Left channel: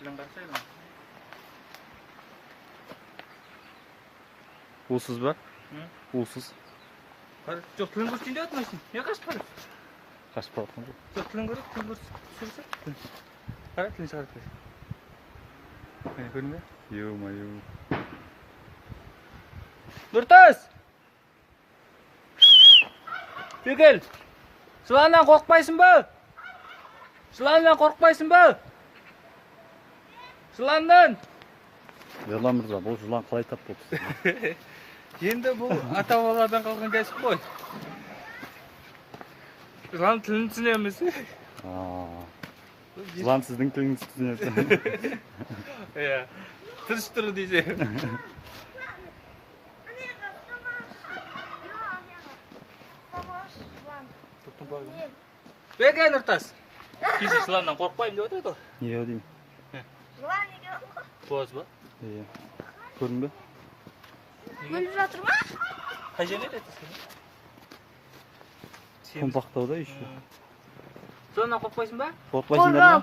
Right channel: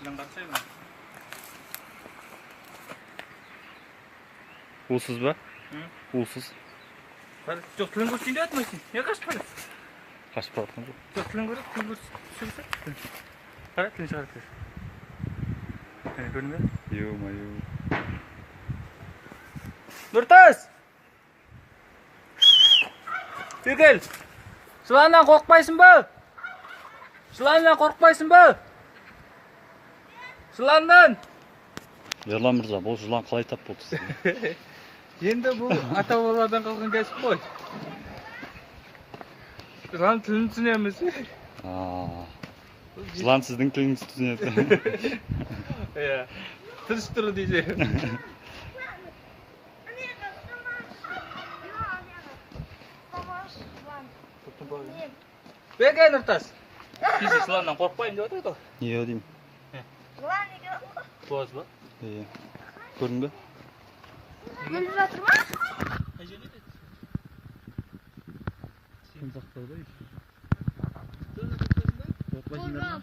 Bilen kaçayım. Uğursuz be. Hı? Uğursuz. Hadi. Yok tülün kursun diye atmasın. Ne kaç para? Kaçıp atkan yok. Yok tülün kursun. Tülün kursun. Sürüsün. Hadi tülün çıkarıp ver. Hani görünme. Yo mayo. Nurtaz! Gel. Şulandan korkmaysın bu. Şulandan korkmaysın bu. Şulandan. Ерлан мырза, бұл жылан қалай тап болды сізге? Енді бұл ата-бабалардан қалған кәсіп қой. Жылан тілін түсінеміз. Жылан сіздің тіліңізді түсінеді. Иә. Тырыстыру десе. Беге Нұртас. Біз жыланнан қорқпаймын деп отыр ғой. Не деймін? Жылан неге Боз ба? Иә. Көрдің бе? өліп жатыр ма? Қай жерде еді? Томпақтауда еще. Жыланнан қорқпайсың ба? Қорықпайсыңдар ма?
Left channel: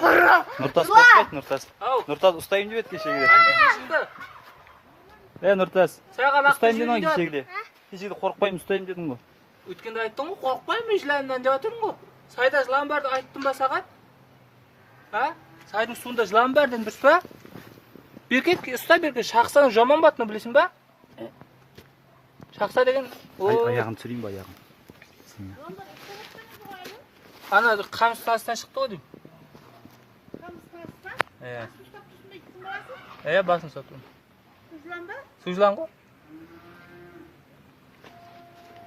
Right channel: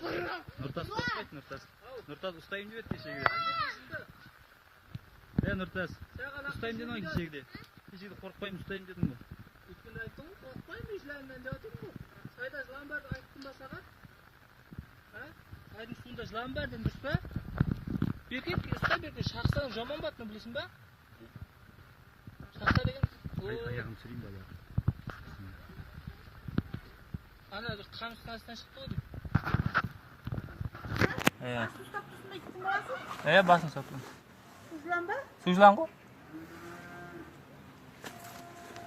Қорқып. Нұртас қорықпайды, Нұртас. Ау. Нұртас ұстаймын деп еді кешегіде. Қандай кешіңді? Нұртас, Саған ақты ұстаймын дедің ғой жүйінде кешегіде. Кешегіде қорықпаймын, ұстаймын дедің ғой. Өткенде айттың ғой, қорқпаймын жыланнан деп отырмын ғой. Сайда жылан бар деп айттым ба саған? А? Сайдың суында жылан бар дедің дұрыс па? Беркет, ұста беркет, шақсаның жаман батыны білесің ба? Шақса деген... Аяғын түсірейін ба, аяғын? Ана қамыс тастан шықты ғой дейм. Басын ұстап тұрмын. Жылан ба? Су жылан ғой.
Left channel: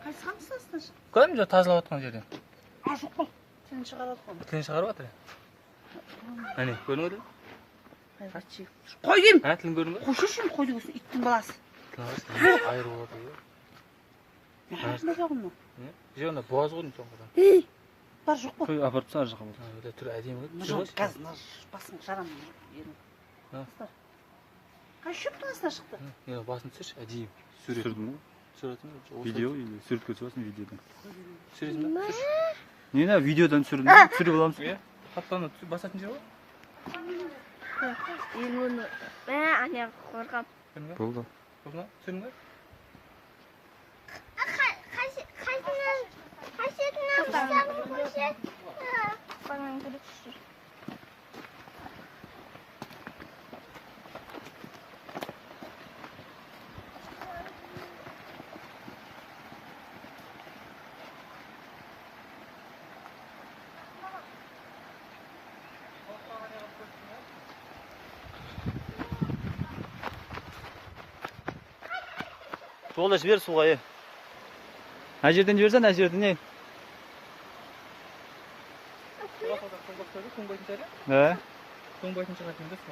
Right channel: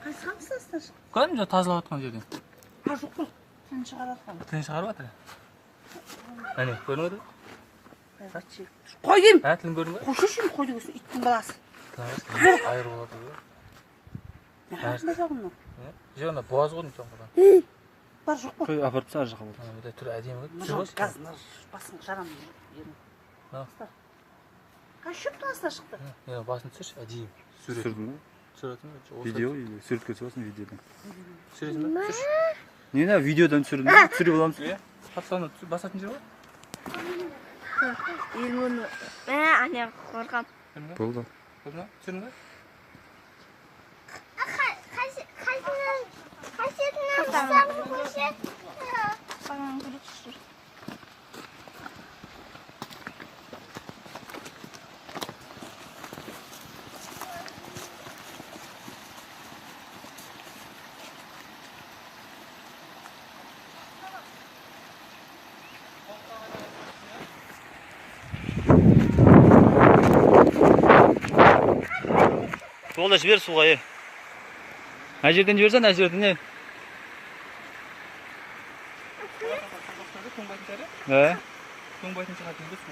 Қайсы қамыс тастан шықты? Көрдің бе тазалап отқан жерден? Жоқ қой. Тілін шығарады ғой. Тілін шығарып жатыр. Әне, көрдің бе? Қой деймін. Тілін көрдің бе? Қойшы үшін қой дегенсің, иттің баласы. Айырып отыр ғой. Арасында жағын мынау. Же онда боз ғой деймін соңғыдан. Ей, бар жоқ қой. Қой, апарып тастар жаққа болды. Түрі әдемі ғой. Жоқ, қазір басын жарамын. Қай шөптің астына шықты? Басын түсірші, әдейі. Түсірдің ғой? Түсіретін ғой. Видео, суретке түсіресің видеодан. Түсіресің ба? Не, видеодан түсірдің? Түсіріп аламыз. Қапсаны басатын жер ғой? Елмені. Ане қорқам. Болды. Түсірдің ба? Қасетінен көше. Баған күрек түсір. Болды, жібер суға, е. Әр жерден жіберсен, әр жерден, е. Тоңбайтын жері? Тоңбайтын Тоңбайтын шығатын дұрыс.